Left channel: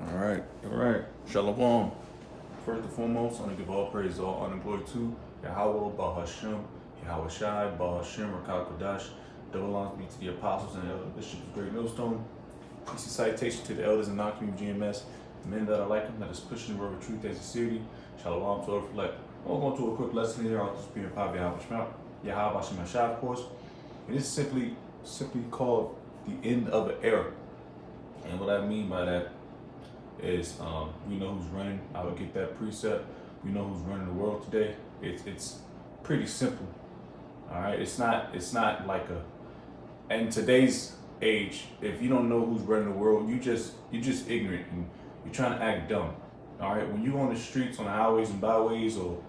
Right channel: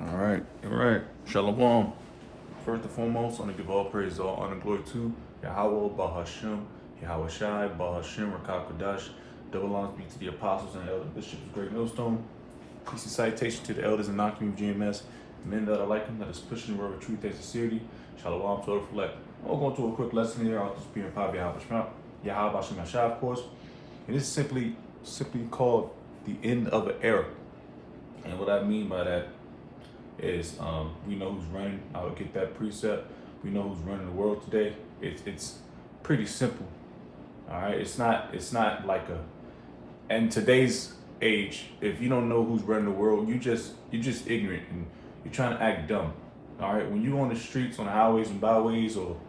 All right. Shalom. First and foremost, I want to give all praise, all honor, and glory to Yahweh, Bahashim, Yahweh Shai, Bahashim, Rakakadash. Double honors be to the apostles and elders, bishops of Great Millstone. Peace and citation to the elders and non-community GMS, men that are like them, that is pushing the word of truth and sincerity. Shalom to reflect. We're going to a quick lesson here. I'll just be in Pab Yahweh Hashem Yashai, of course. It is simply called the end of an era. And what I mean by that is we know who's running. I would get that precept. We know who's running the world today. It's pretty simple. All right. It's not like a. And today's age, if you don't know who's running the world, you're just ignorant and you're trying to act dumb. All right. When you on the streets, on the highways and byways, or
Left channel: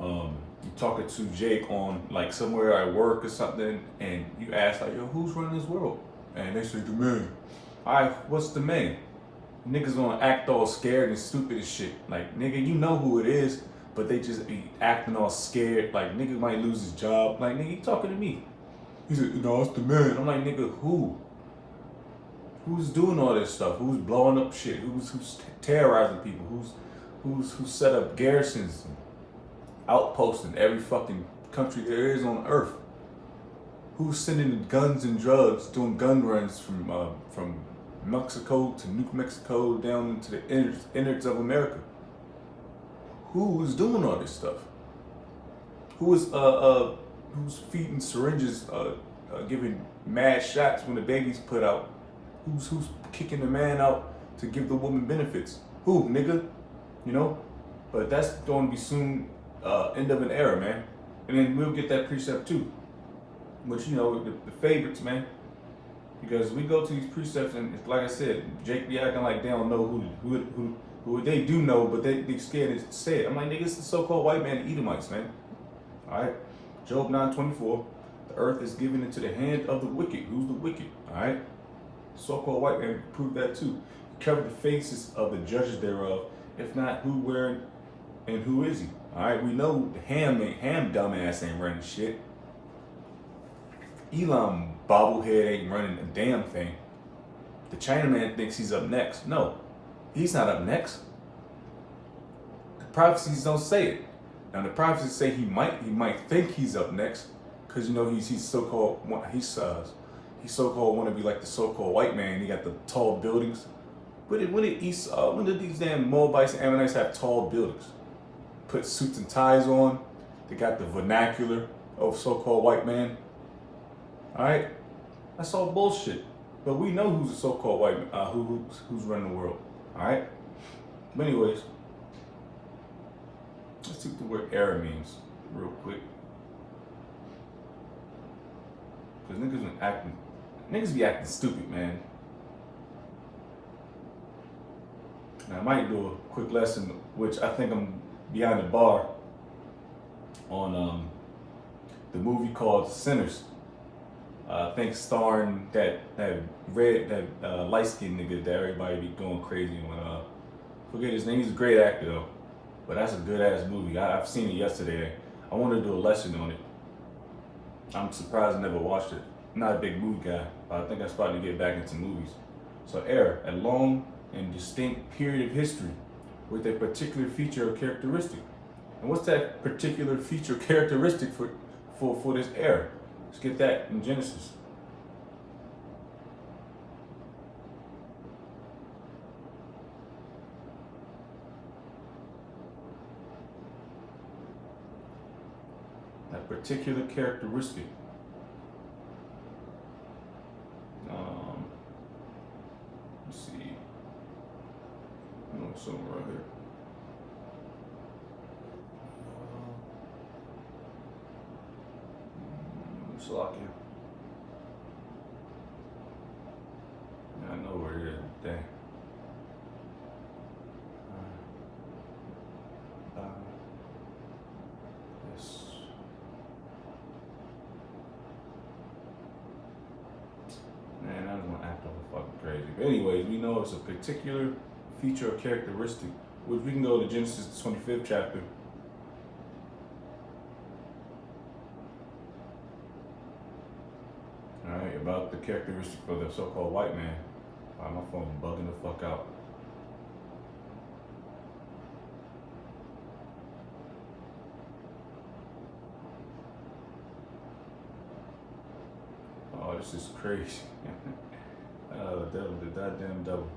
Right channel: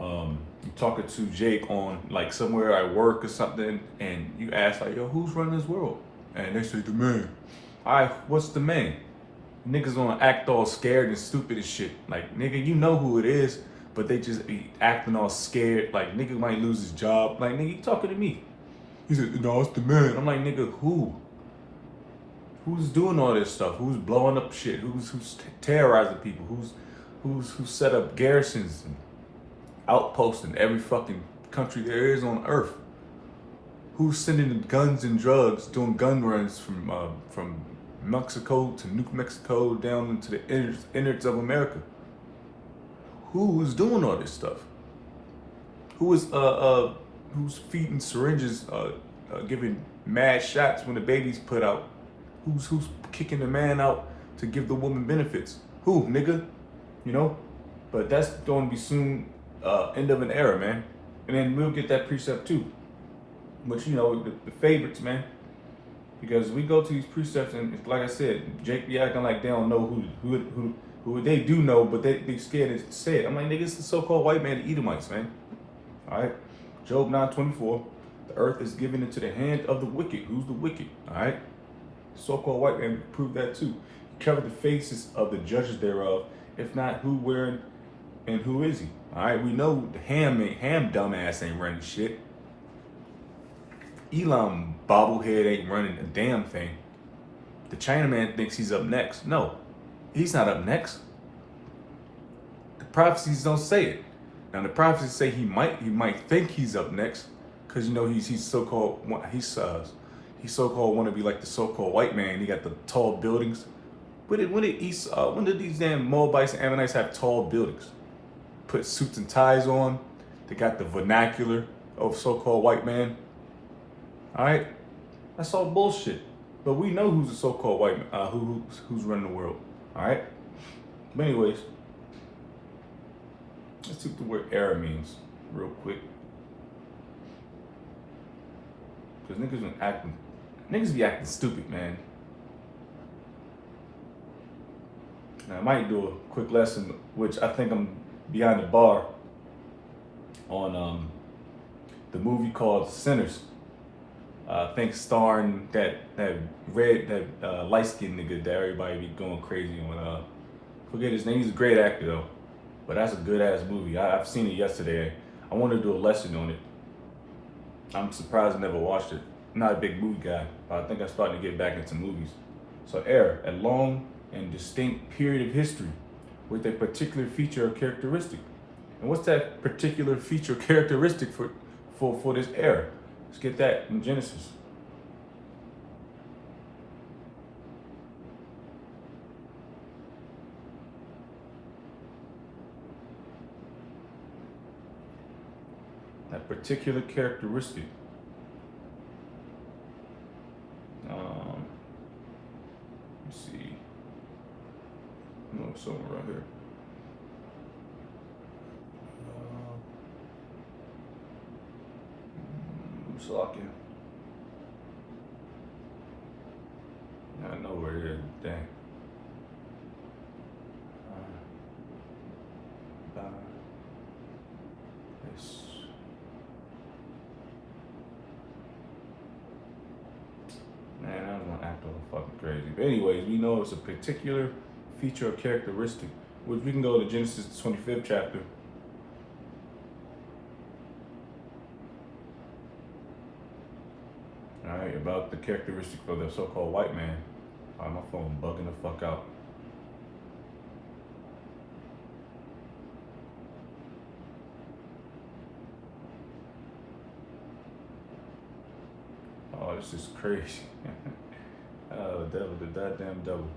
you talking to Jake on like somewhere at work or something, and you ask like, "Yo, who's running this world?" And they say, "The man." All right. What's the man? Niggas gonna act all scared and stupid as shit. Like, nigga, you know who it is, but they just be acting all scared. Like, nigga might lose his job. Like, nigga, you talking to me? He said, "No, it's the man." I'm like, nigga, who? Who's doing all this stuff? Who's blowing up shit? Who's terrorizing people? Who's set up garrisons and outposts in every fucking country there is on earth? Who's sending guns and drugs, doing gun runs from Mexico to New Mexico down into the innards of America? Who's doing all this stuff? Who's feeding syringes, giving mad shots when the baby's put out? Who's kicking the man out to give the woman benefits? Who, nigga? You know? But that's going to be soon end of an era, man. And then we'll get that precept too. But you know, the favorites, man. Because we go to these precepts and it's like I said, Jake be acting like they don't know who they do know, but they scared to say it. I'm like, nigga, it's the so-called white man, the Edomites, man. All right, Job 9:24, the earth is given into the hand of the wicked. Who's the wicked? All right, so-called white man proved that too. Cover the faces of the judges thereof. If not, who, where, and who is he? All right, we know the ham dumbass ain't running shit. Elam bobblehead ain't running a damn thing. The Chinaman thinks he's up next. No, he's not up next. The prophecies don't say it. Now the prophecies say he might think he's up next, because you know he's so-called so-called want to be like the so-called white man. He got the tall buildings. When did these damn Moabites and Ammonites have tall buildings? Put suits and ties on. They got the vernacular of so-called white man. All right, that's all bullshit. But we know who's the so-called white who's running the world. All right. But anyways, let's see what the word era means real quick. Because niggas be acting stupid, man. Now I might do a quick lesson, which I think I'm behind the bar on the movie called Sinners. I think starring that light-skinned nigga that everybody be going crazy when forget his name. He's a great actor though, but that's a good ass movie. I've seen it yesterday. I want to do a lesson on it. I'm surprised I never watched it. I'm not a big movie guy, but I think I started to get back into movies. So era, a long and distinct period of history with a particular feature or characteristic. And what's that particular feature or characteristic for this era? Let's get that in Genesis. That particular characteristic. Let's see. Somewhere around here. Slocking. I know where it is. Dang. Yes. Man, I was gonna act all fucking crazy. But anyways, we know it's a particular feature or characteristic, which we can go to Genesis the 25th chapter. About the characteristic of the so-called white man. My phone bugging the fuck out. this is crazy. The devil, the goddamn devil.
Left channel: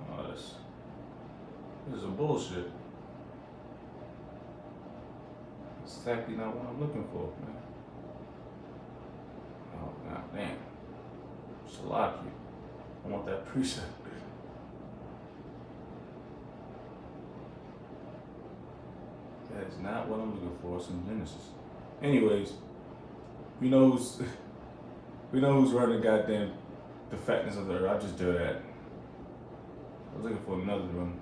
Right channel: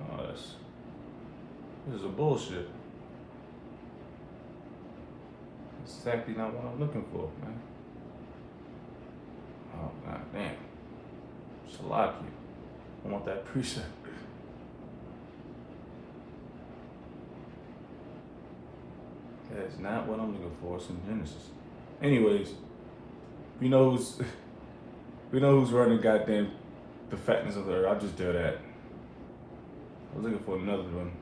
Oh, this is a bullshit. It's exactly not what I'm looking for, man. Oh, god damn. Salaki. I want that precept. That's not what I'm looking for. It's in Genesis. Anyways, we know who's we know who's running goddamn the fatness of the earth. I'll just do that. I was looking for another one.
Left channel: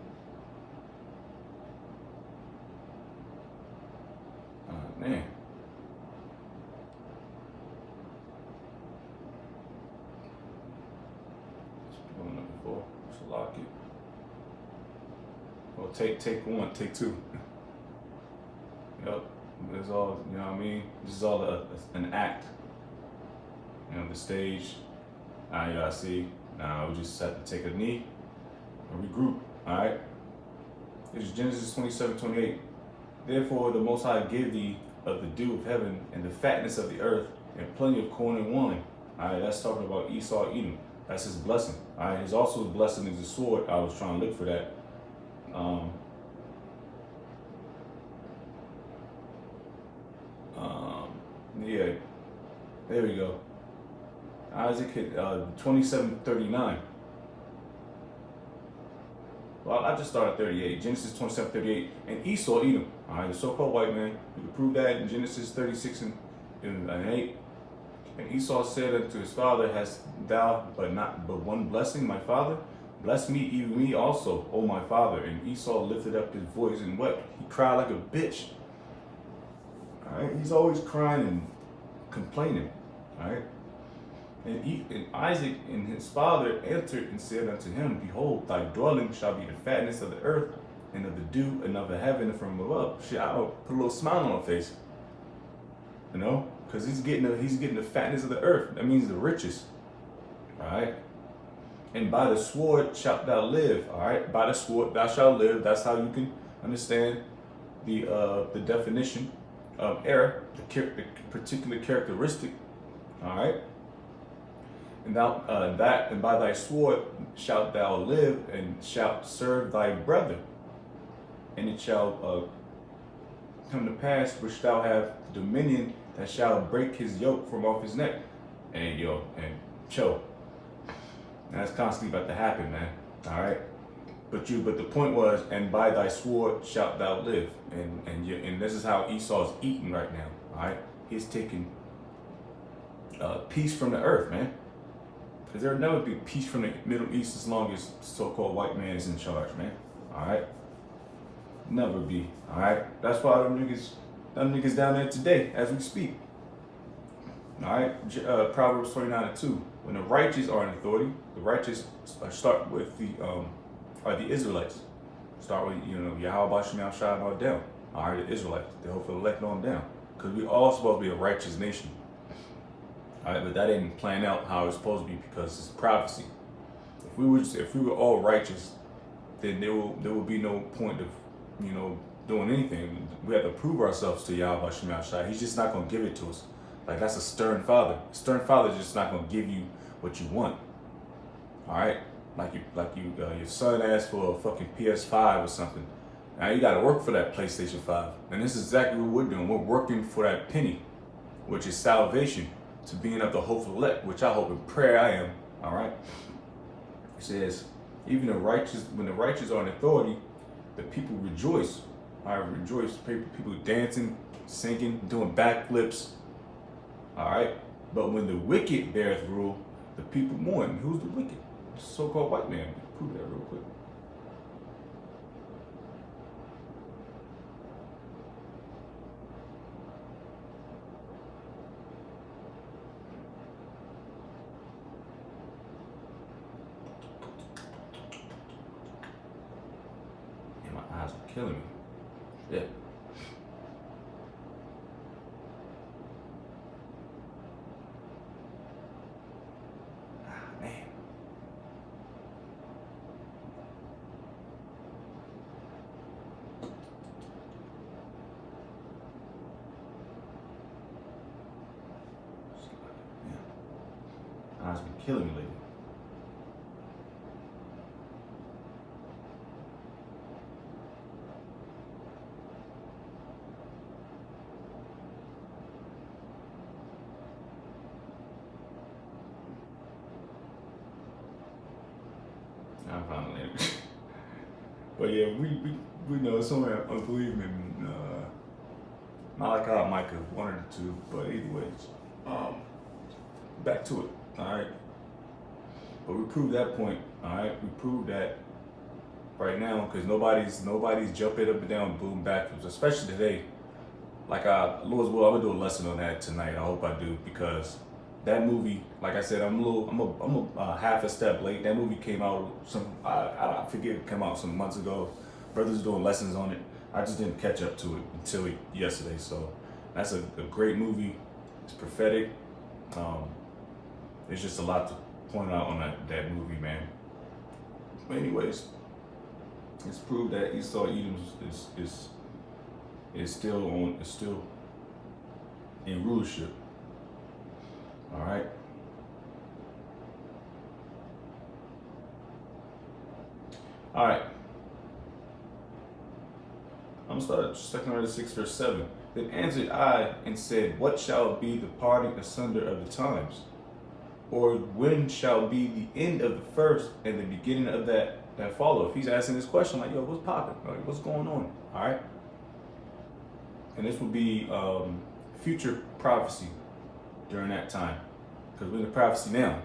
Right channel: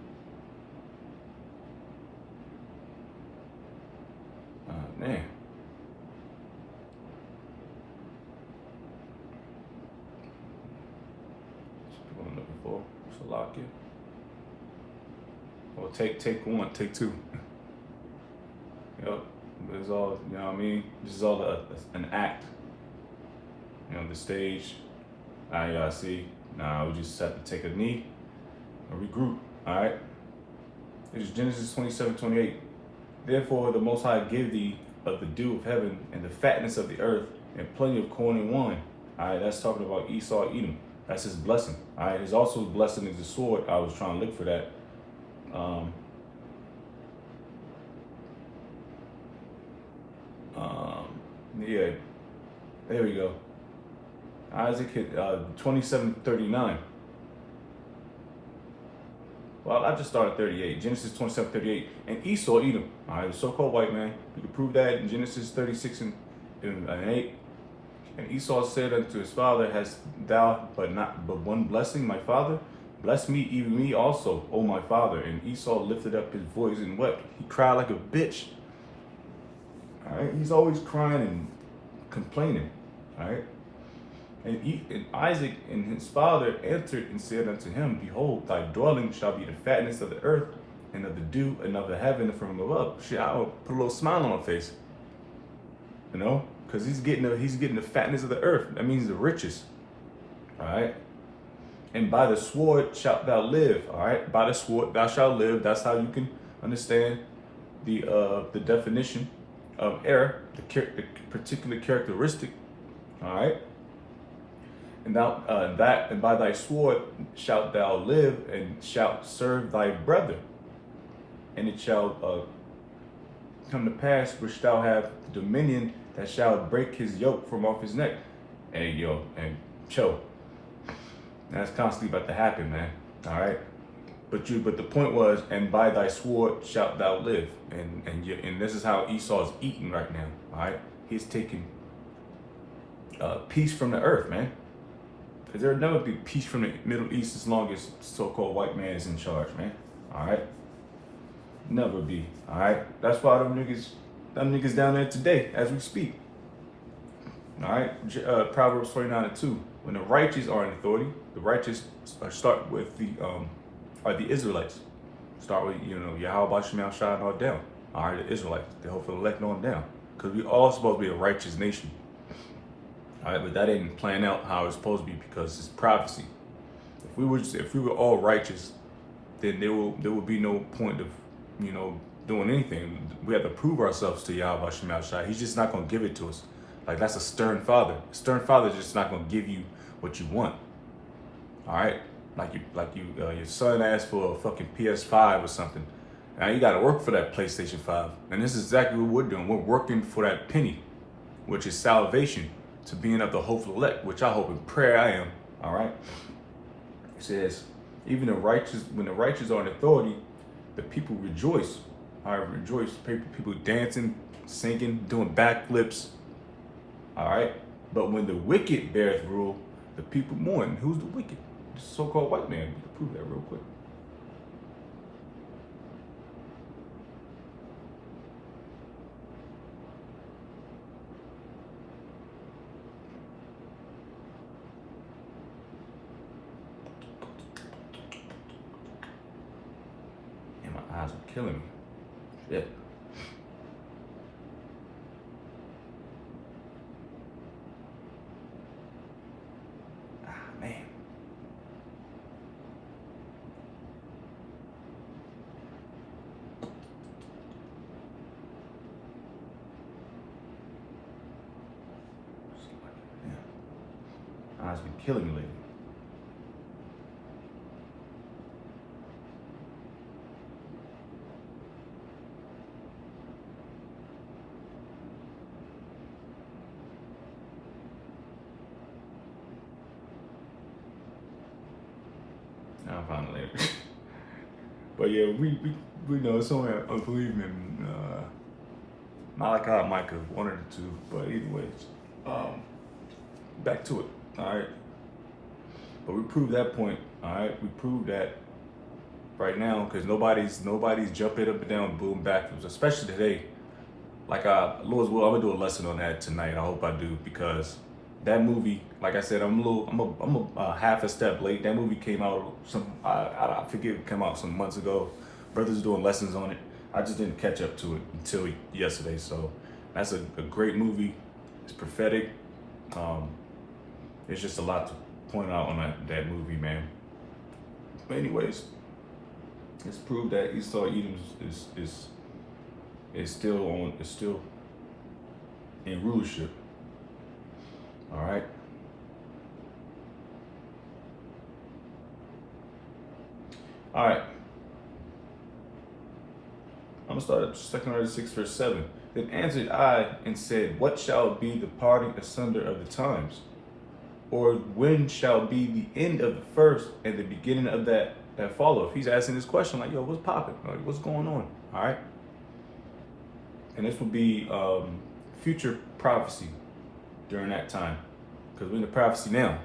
Oh man. That's what I'm looking for. Salaki. Well, take one, take two. Yep. It's all, you know what I mean? This is all an act. You know, the stage. Now y'all see. Now we just have to take a knee and regroup. Alright? It's Genesis 27:28. Therefore the Most High give thee of the dew of heaven and the fatness of the earth and plenty of corn and wine. Alright, that's talking about Esau Edom. That's his blessing. Alright, his also blessing is the sword. I was trying to look for that. Yeah, there we go. Isaac hit 27:39. Well, I just started 38. Genesis 27:38. And Esau Edom. All right, the so-called white man. You can prove that in Genesis 36 and 8. And Esau said unto his father, hast thou but one blessing, my father? Bless me, even me also, O my father. And Esau lifted up his voice and wept. He cried like a bitch. All right, he's always crying and complaining. All right. And Isaac and his father answered and said unto him, behold, thy dwelling shall be the fatness of the earth and of the dew and of the heaven from above. Shit, I would put a little smile on my face, you know, because he's getting the fatness of the earth. That means the riches. All right. And by the sword shalt thou live. All right. By the sword thou shalt live. That's how you can understand the definition of error, the particular characteristic. All right. And thou and by thy sword shalt thou live, and shalt serve thy brother. And it shall come to pass, which thou have dominion, that shall break his yoke from off his neck. And chill. That's constantly about to happen, man. All right. But the point was, and by thy sword shalt thou live, and this is how Esau is eating right now. All right, he's taking peace from the earth, man. Because there will never be peace from the Middle East as long as so-called white man is in charge, man. All right, never be. All right, that's why them niggas down there today, as we speak. All right, Proverbs 29:2. When the righteous are in authority, the righteous start with are the Israelites. Start with, Yahweh Shem Shah and all down. All right, the Israelites. They hopefully elect on down. Because we all supposed to be a righteous nation. All right, but that didn't plan out how it's supposed to be because it's prophecy. If we were all righteous, then there will be no point of, doing anything. We have to prove ourselves to Yahweh Shem Shah. He's just not going to give it to us. Like, that's a stern father. A stern father is just not going to give you what you want. All right? Your son asked for a fucking PS5 or something. Now you got to work for that PlayStation 5. And this is exactly what we're doing. We're working for that penny, which is salvation, to being of the hopeful elect, which I hope in prayer I am. All right? It says, even when the righteous are in authority, the people rejoice. All right, rejoice. People dancing, singing, doing backflips. All right? But when the wicked beareth rule, the people mourn. Who's the wicked? So-called white man. Prove that real quick. And my eyes are killing me. Shit. has been killing me lately. I'll find it later. But yeah, we know somewhere I believe in Malachi, Micah, one or two. But anyways, back to it. All right. But we proved that point. All right. We proved that right now because nobody's jumping up and down, boom backwards, especially today. Like Lord's will, I'm gonna do a lesson on that tonight. I hope I do because that movie, like I said, I'm a half a step late. That movie came out I forget, it came out some months ago. Brothers doing lessons on it. I just didn't catch up to it until yesterday. So that's a great movie. It's prophetic. There's just a lot to point out on that movie, man. But anyways, it's proved that Esau Edom is still in rulership. All right. All right. I'm gonna start at 2 Corinthians 6, verse 7. Then answered I and said, what shall be the parting asunder of the times? Or when shall be the end of the first and the beginning of that followeth? He's asking this question like, yo, what's popping? Like, what's going on? All right. And this will be future prophecy during that time, because we're in the prophecy now.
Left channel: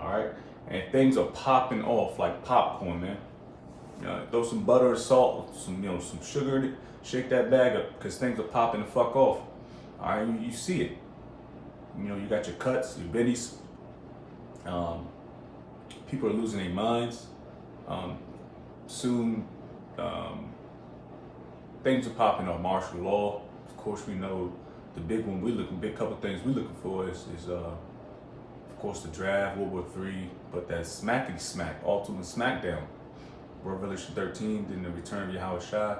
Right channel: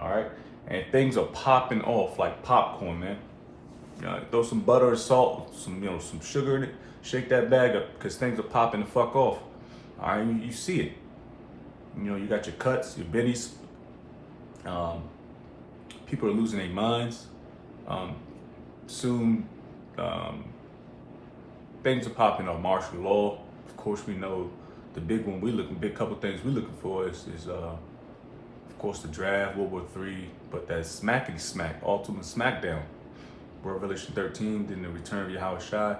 All right. And things are popping off like popcorn, man. Throw some butter or salt, some sugar in it, shake that bag up, because things are popping the fuck off. All right, you see it. You got your cuts, your biddies. People are losing their minds. Soon, things are popping up. Martial law, of course, we know the big couple things we're looking for is of course, the draft, World War III, but that smackety smack, ultimate smackdown. Revelation 13, then the return of Yahweh Shai,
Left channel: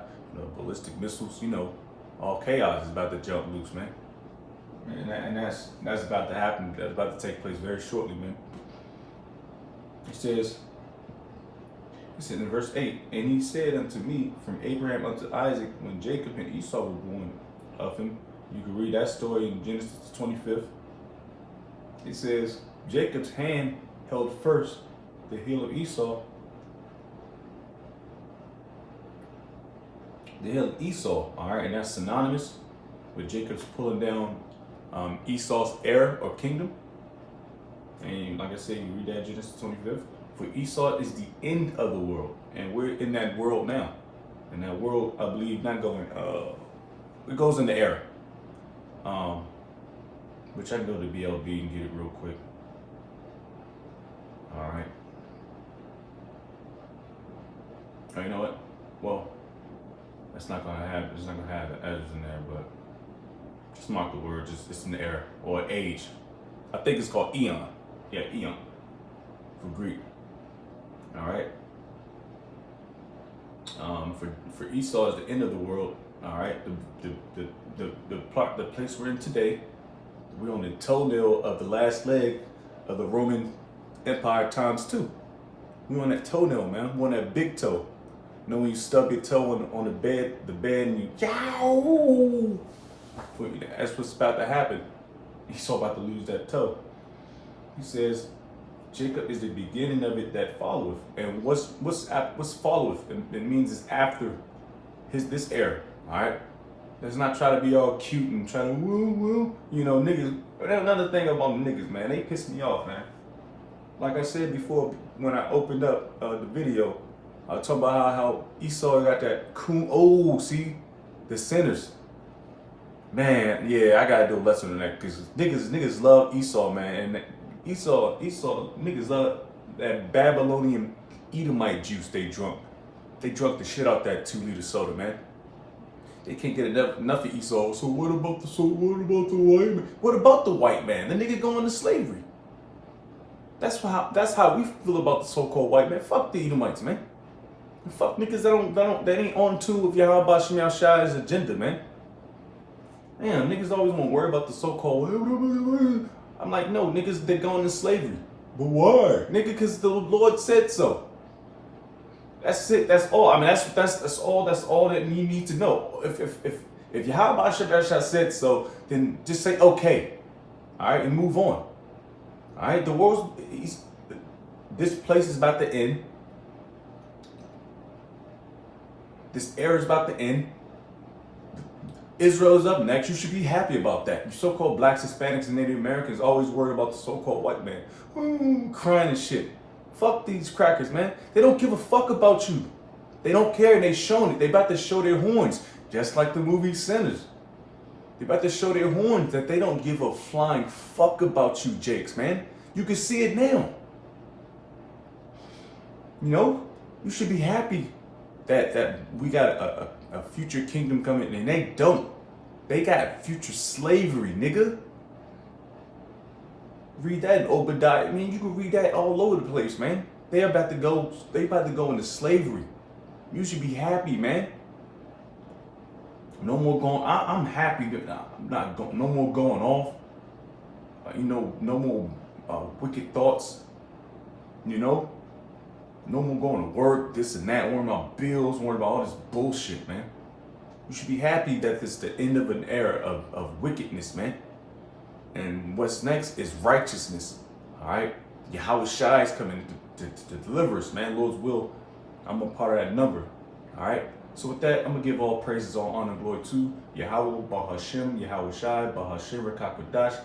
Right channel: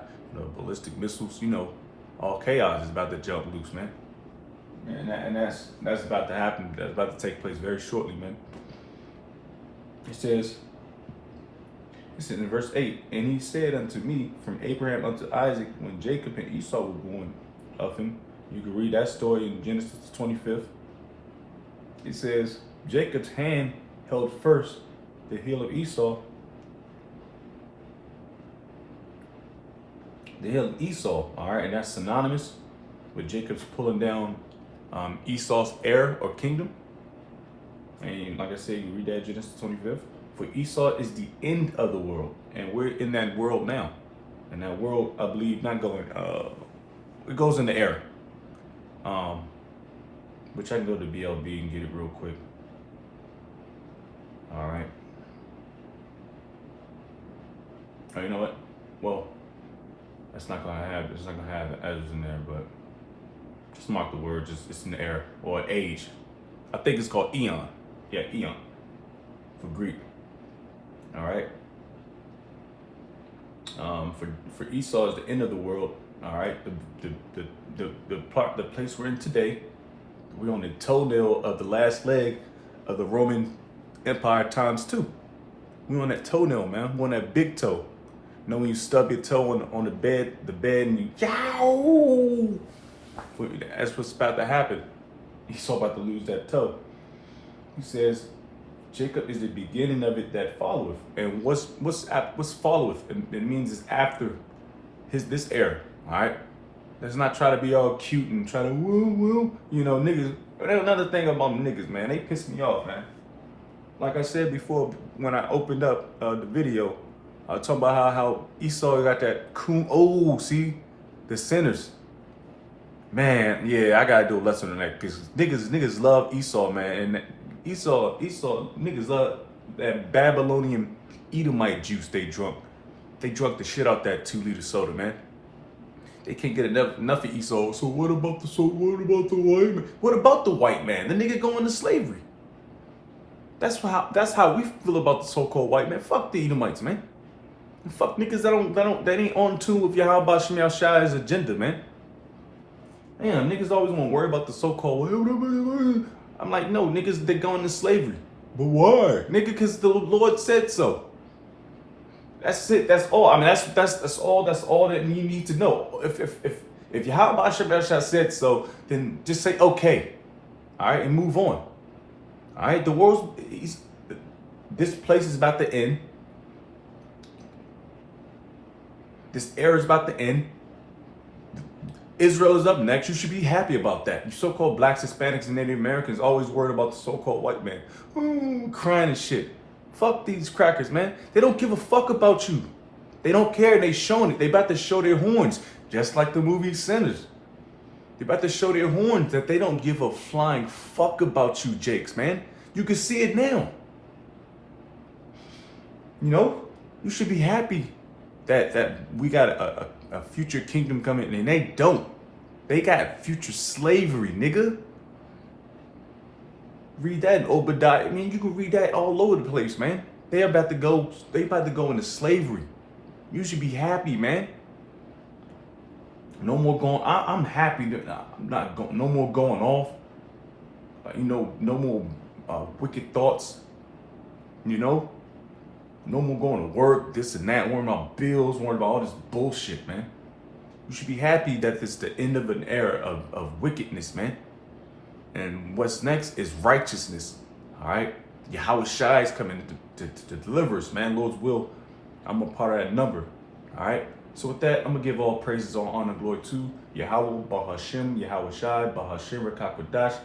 ballistic missiles, all chaos is about to jump loose, man. And that's about to happen. That's about to take place very shortly, man. It says in verse 8, and he said unto me, from Abraham unto Isaac, when Jacob and Esau were born of him. You can read that story in Genesis 25th. It says, Jacob's hand held first the heel of Esau. The heel of Esau, all right, and that's synonymous with Jacob's pulling down Esau's heir or kingdom. And like I said, you read that Genesis 25th. For Esau is the end of the world, and we're in that world now. And that world, I believe, not going. It goes in the air. Which I can go to BLB and get it real quick. All right. Oh, you know what? Well, it's not gonna have the edges in there, but just mark the word. Just it's in the air or age. I think it's called eon. Yeah, eon for Greek. All right. For Esau is the end of the world. All right. The place we're in today. We're on the toenail of the last leg of the Roman Empire times 2. We're on that toenail, man. We're on that big toe. When you stub your toe on the bed, and you yow. That's what's about to happen. Esau about to lose that toe. He says, Jacob is the beginning of it that followeth. And what's followeth? It means it's after this era. All right. Let's not try to be all cute and try to woo. Niggas. Another thing about niggas, man, they piss me off, man. Like I said before, when I opened up the video, I was talking about how Esau got that coon. Oh, see, the sinners. Man, yeah, I gotta do a lesson on that because niggas love Esau, man, and Esau niggas love that Babylonian Edomite juice they drunk. They drunk the shit out that 2-liter soda, man. They can't get enough of Esau. So what about the white man? What about the white man? The nigga going to slavery. That's how we feel about the so-called white man. Fuck the Edomites, man. And fuck niggas that ain't on tune with Yahweh Shem Shai's agenda, man. Damn, niggas always want to worry about the so-called. I'm like, no, niggas, they're going to slavery. But why? Nigga, because the Lord said so. That's it. That's all. I mean, that's all that you need to know. If Yahweh Shah said so, then just say okay. All right, and move on. All right, this place is about to end. This era is about to end. Israel is up next. You should be happy about that. You so-called blacks, Hispanics, and Native Americans always worried about the so-called white man. Crying and shit. Fuck these crackers, man. They don't give a fuck about you. They don't care. They showing it. They about to show their horns. Just like the movie Sinners. They about to show their horns that they don't give a flying fuck about you, Jakes, man. You can see it now. You know? You should be happy that we got a future kingdom coming, and they don't. They got future slavery, nigga. Read that in Obadiah. I mean, you can read that all over the place, man. They about to go into slavery. You should be happy, man. No more going. I'm happy that I'm not going. No more going off. No more wicked thoughts. No more going to work, this and that, worrying about bills, worrying about all this bullshit, man. You should be happy that this is the end of an era of wickedness, man. And what's next is righteousness, all right? Yahweh Shai is coming to deliver us, man. Lord's will, I'm a part of that number, all right? So with that, I'm going to give all praises, all honor, and glory to Yahweh, Bahashem, Yahweh Shai, Bahashem, Rakakwadash.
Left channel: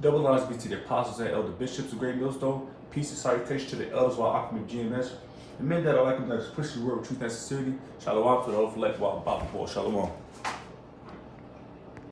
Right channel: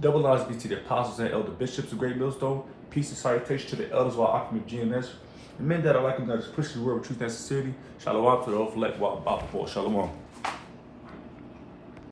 Double honors be to the apostles and elder bishops of Great Millstone. Peace and salutation to the elders of our Akim of GNS. The men that are like them that is pushing the word of truth and sincerity. Shalom for the elect while Shalom.